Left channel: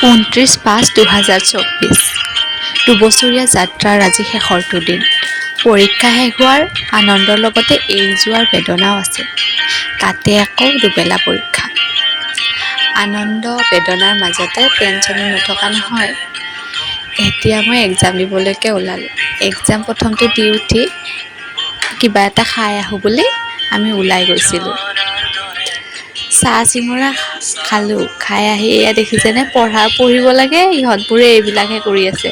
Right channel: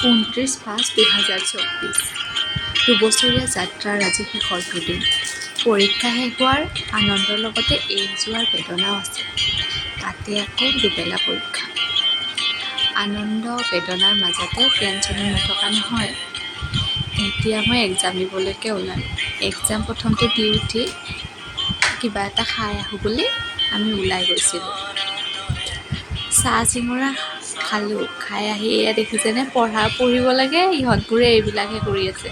29/5/2024 দুবছৰীয়া যাত্ৰাৰ আজি শেষৰটো দিন। পৰীক্ষা শেষ হোৱাৰ আনন্দৰ লগতে এৰি যোৱাৰ বেদনাও আছে। তাতে আকৌ দুবেলা পৰীক্ষা। আনন্দ বেদনাৰ মাজতে টেনচনো নথকা নহয়। এতিয়া মই এক্সাম দিবলৈকে ওলালোঁ। এক্সাম প্ৰথমটো দি উঠি কিবা এটা খাই আহোঁ বুলি আমি ওলাই গৈছিলোঁ। চাহ চিঙৰা খালোঁ। খাই আহি এয়া দেখিছেনে পঢ়িব লাগে, ইহঁতবোৰে এইবিলাকহে কৰি আছে।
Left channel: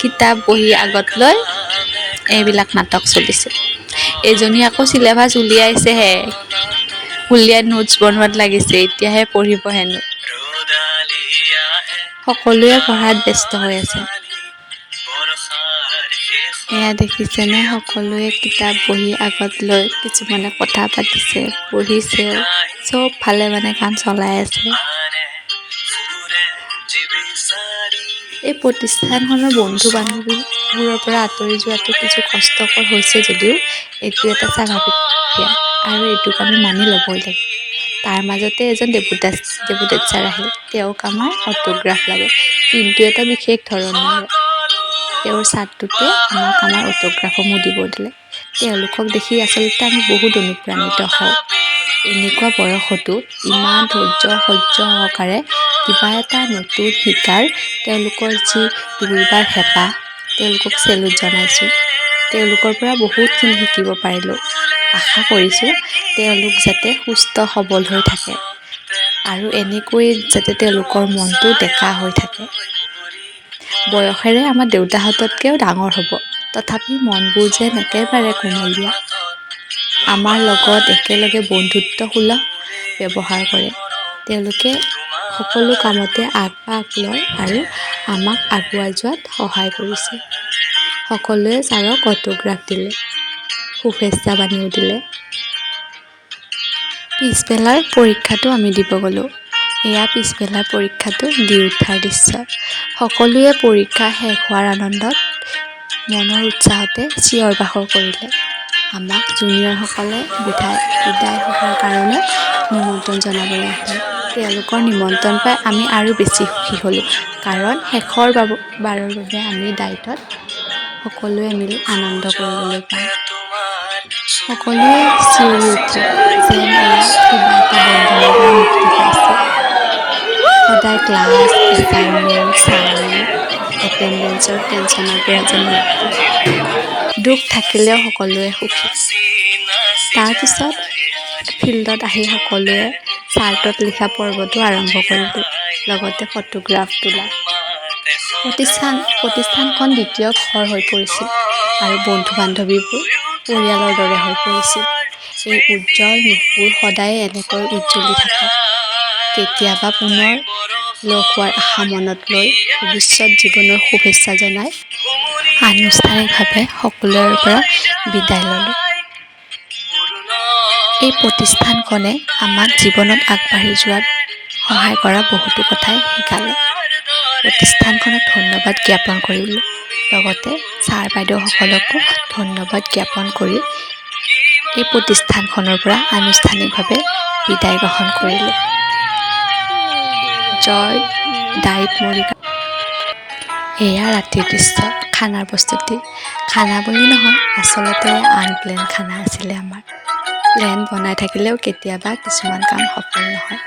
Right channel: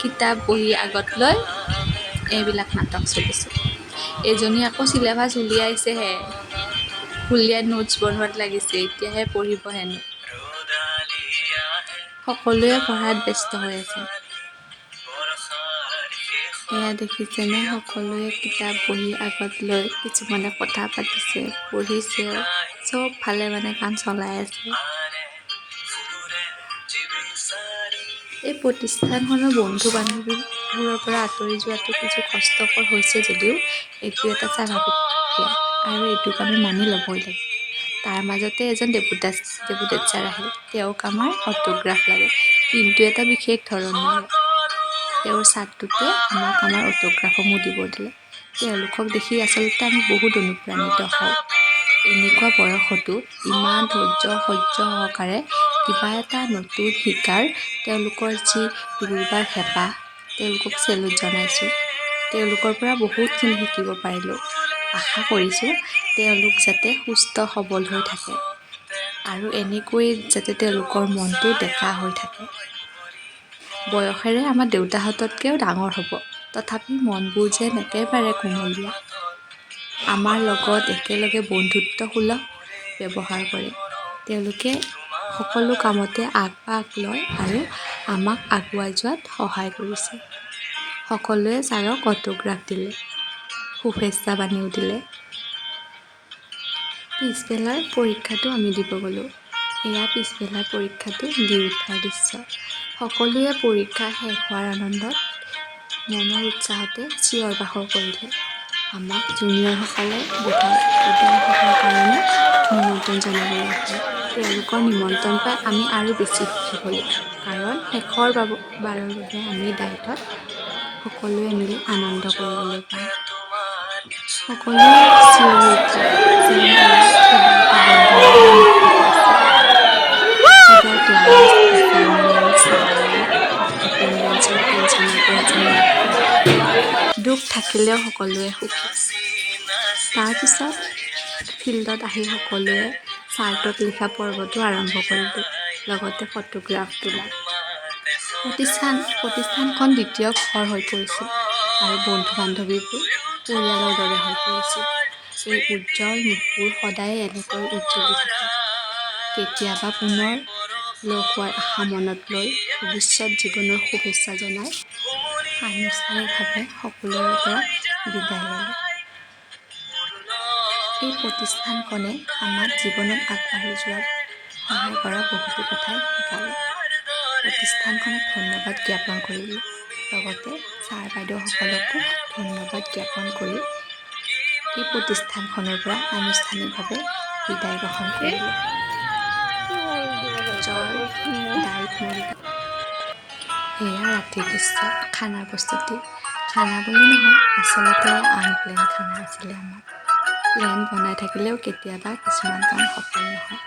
কিতাপ বহি আগত লৈ এইবিলাক নাটক চলিছে। এজনী আকৌ চিলেবাছ উলিয়াইছেহে, উলিয়াই নোটছ বনোৱাত লাগিছে, এতিয়াহে পঢ়িব হেনো। সকলোৱে পঢ়াত ব্যস্ত হৈ আছে। এয়া দেখিছেনে সকলোৱে কিতাপ বহি আগত লৈ কিছুমানে কথা পাতিছে, পঢ়িছেও, চব ফালে মানে কাম চলাই আছে। এই প্ৰতিষ্ঠানখনৰ বন্ধু বান্ধৱীবোৰৰ পৰা আঁতৰি যোৱাটো কিছু কষ্টকৰ হৈছে যদিও এইটো এটা স্বাভাৱিক প্ৰক্ৰিয়া আৰু এইটোক আমি মানি ল'বই লাগিব। তাৰ মাজতে এজন দেৱোদেত ছাৰ আহিল। তেওঁক আমাৰ অটোগ্ৰাফ লাগে, কিন্তু এটা বিশেষ ধৰণৰ। তেওঁৰ ছাত্ৰটোৱে আমাক আমাৰ অটোগ্ৰাফসমূহ দিব দিলে। তেওঁলোকক দেখি আচলতে আমি বহুত অনুপ্ৰাণিত হওঁ। এনেকুৱা বয়সতো ইমান ধৈৰ্য সহ্য সহকাৰে কিবা এটা নতুন শিকাৰ তেওঁলোকৰ যি দৌৰিবাৰ হেঁপাহ, তেওঁলোকক চেলুট জনাইছোঁ। তেওঁলোকৰ পৰা বহুতখিনি শিকিব পাৰিলোঁ। আশা কৰিছোঁ তেওঁলোক যাতে সুস্থ সবল হৈ থাকে আৰু এনেকৈ যাতে তেওঁলোকৰ মনটো ডেকা হৈ থাকে। বয়সেৰে আমাৰ দেউতাহঁততকৈও ডাঙৰ হ'ব, তথাপি মনবোৰ যেন একেবাৰে কুমলীয়া। আমাৰ লগত একেলগে বন্ধুত্বসুলভ ব্যৱহাৰ কৰে। তেওঁলোকে সকলো কামতে আগভাগ লয় আৰু আমাক আগুৱাই যোৱাত সহায় কৰিছে। সকলোৱে ছাৰক অটোগ্ৰাফ দিলে, শুভেচ্ছা বাণীও দিলে। পিছবেলাৰ পৰীক্ষাটো আমি দিব গ'লোঁ। এয়া পিছবেলাৰ পৰীক্ষাটো দি উঠাৰ দৃশ্য। সকলোৱে পৰীক্ষা শেষ হোৱাৰ আনন্দত মনৰ উৎসাহতে চিঞৰ বাখৰ কৰিলে। আমাক জুনিয়ৰসকলে বিদায় সভাৰ কাৰণে নিমন্ত্ৰণ জনাবলৈ আহিলে। তেওঁলোকৰ নিমন্ত্ৰণ পাই আমি আৰু বেছি সুখী হ'লোঁ, কাৰণ শেষৰ বাৰৰ বাবে আমি ডায়েটত সকলোৱে মিলি আনন্দ কৰিবলৈ পাম। সকলোৱে চিঞৰি উঠে যেন এয়া কিবা এটা বন্ধনৰ মুক্তি পাইছে। সদায় ক্লাছ, এছাইনমেণ্ট, চাউল, এটেণ্ডেঞ্চৰ টেনচনৰ পৰা যেন মুক্তি। দুখ থাকিলেও সকলোৱে সুখী। তাৰপিছত ফিল্ডত আহি সকলোৱে চাৰ্টত লিখা পৰ্বটো আৰম্ভ কৰিলোঁ, লগতে ফটোগ্ৰাফ তোলা। প্ৰতিষ্ঠানখন দ্বিতীয় ঘৰ হৈ পৰিছিল আৰু বন্ধু-বান্ধৱীবোৰ পৰিয়ালৰ দৰে হৈ পৰিছিল। এই উজ্জ্বল মুখবোৰ সদায়ে এনেকৈ উজ্জ্বলি থাকক। কেতিয়াবা পুনৰ লগ হোৱাৰ আশা মনত লৈ ভৱিষ্যত জীৱনৰ শুভেচ্ছা জনাই আনুষ্ঠানিকভাৱে সকলোৰে পৰা বিদায় ল'লোঁ। এই প্ৰতিষ্ঠানখনে আমাক জীৱনত আগবাঢ়ি যোৱাত সহায় কৰা বহুতো কথাই শিকালে। প্ৰতিষ্ঠানখনক ধন্যবাদ জ্ঞাপন কৰিলোঁ, লগতে ছাৰ বাইদেউসকলকো ধন্যবাদ জ্ঞাপন কৰি এই প্ৰতিষ্ঠানখনৰ পৰা আনুষ্ঠানিকভাৱে বিদায় গ্ৰহণ কৰিলোঁ। জয় ডায়েট মৰিগাঁও। এয়া ৰাতিৰ দৃশ্য, খানাৰ প্ৰস্তুতি। খানা বুলি নহয়, আচলতে আনপ্লেন খানা আছিলে আমাৰ। প্লেন বনাই থাকিলেও কেতিয়াবা কিছুমান কাম সফল নহয়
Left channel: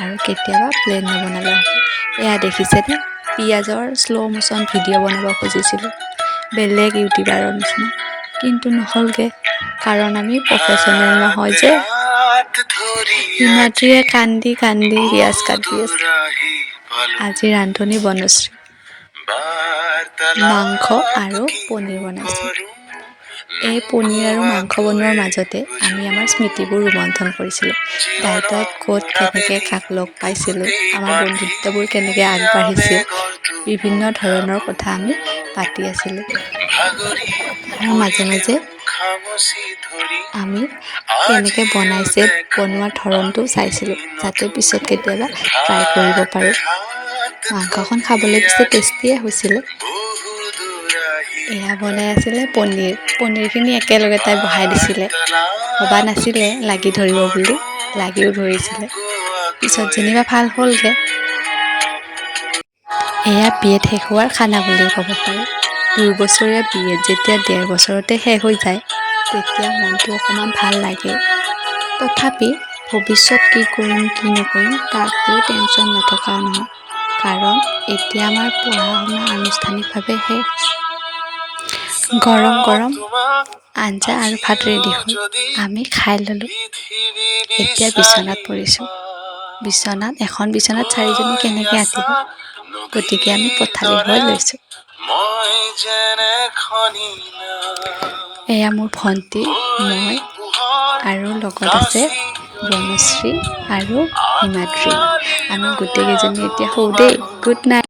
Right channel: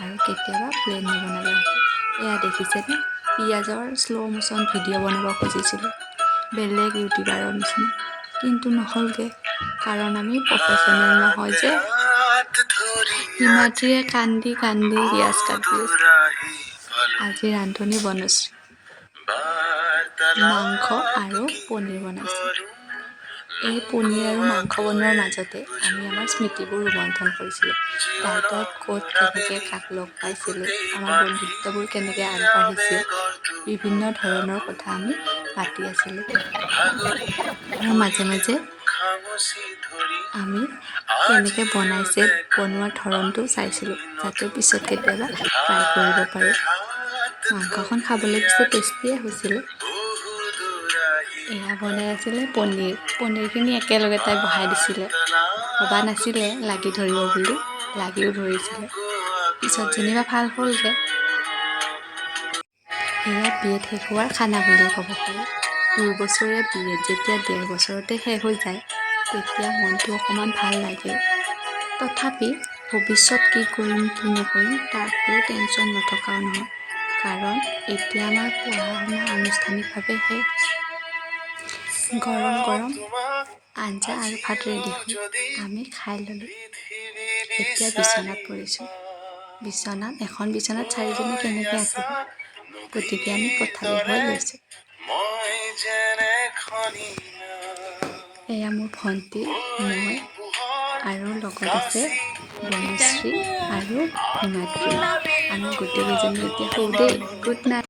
আৰু কেতিয়াবা প্লেন নবনালেও হয়। এয়া দেখিছেনে, পিঁয়াজৰ শ্ল' মোচন ভিডিঅ' বনাব খুজিছিলোঁ, বেলেগ ইউটিউবাৰৰ নিচিনা, কিন্তু নহ'লগৈ, কাৰণ আমি প্ৰফেশ্যনেল নহয় যে। হিমাদ্ৰীয়ে কান্দি কান্দি পিঁয়াজ কাটি আছে। আজি ৰান্ধনি বনশ্ৰী। মাংস আৰু পনীৰ বনাইছোঁ। এই পনীৰ আৰু মাংস বনোৱাৰ মাজতে আমি আমাৰ স্মৃতিবোৰ ৰোমন্থন কৰিছিলোঁ। ডায়েটত ক'ত কেনেকৈ কাক লগ পাইছিলোঁ, আমাৰ বন্ধুত্ববোৰ কেনেকৈ আগবাঢ়িছিল, বিভিন্ন ধৰণৰ কথা আমি পাতি আছিলোঁ। আৰু মাজে মাজে আমি কেনেকৈ বনাইছে, বনোৱাৰ ধৰণটো চাইছিলোঁ, যাতে পিছত কেতিয়াবা ট্ৰাই কৰিব পাৰোঁ। মাংসখন খাবলৈ পিছে টেষ্টিয়ে হৈছিলে। এয়া বনাই আছিলে পনীৰখিনি একেলগে তাই বহাই দিছিলে, ভবা নাছিলে লাগি ধৰিব বুলি, লাগিও ধৰিছিলে, পিছত যেনিবা ভাল হ'লগৈ। এয়া বি.এড শেষ হোৱাৰ খানা বুলিও ক'ব পাৰি। 2 বছৰীয়া বি.এড যেতিয়া 1.5 বছৰতে শেষ হৈ যায়, তেতিয়া মনটো অকণমান ভাল লাগে। তথাপি ভৱিষ্যত কি কৰিম কি নকৰিম তাক লৈ টেনশ্যন নথকা নহয়, কাৰণ এতিয়া আমাৰ পঢ়া-শুনা আনুষ্ঠানিকভাৱে শেষ। গৰম গৰম আঞ্জা আৰু ভাত ৰেডি হ'ল, আমি খাই ল'লোঁ। এতিয়া বিচনাত পৰিছোঁ। এখন বিচনাত 4জনে কেনেকৈ আঁতিব, গতিকে আমি পথালি হৈ লৈছোঁ। এয়া মোৰ ভণ্টি, মই আৰু লগত আছে বনশ্ৰী আৰু হিমাদ্ৰী। আমি গোটেইকেইজনী এতিয়া শুওঁ দেই। Good night.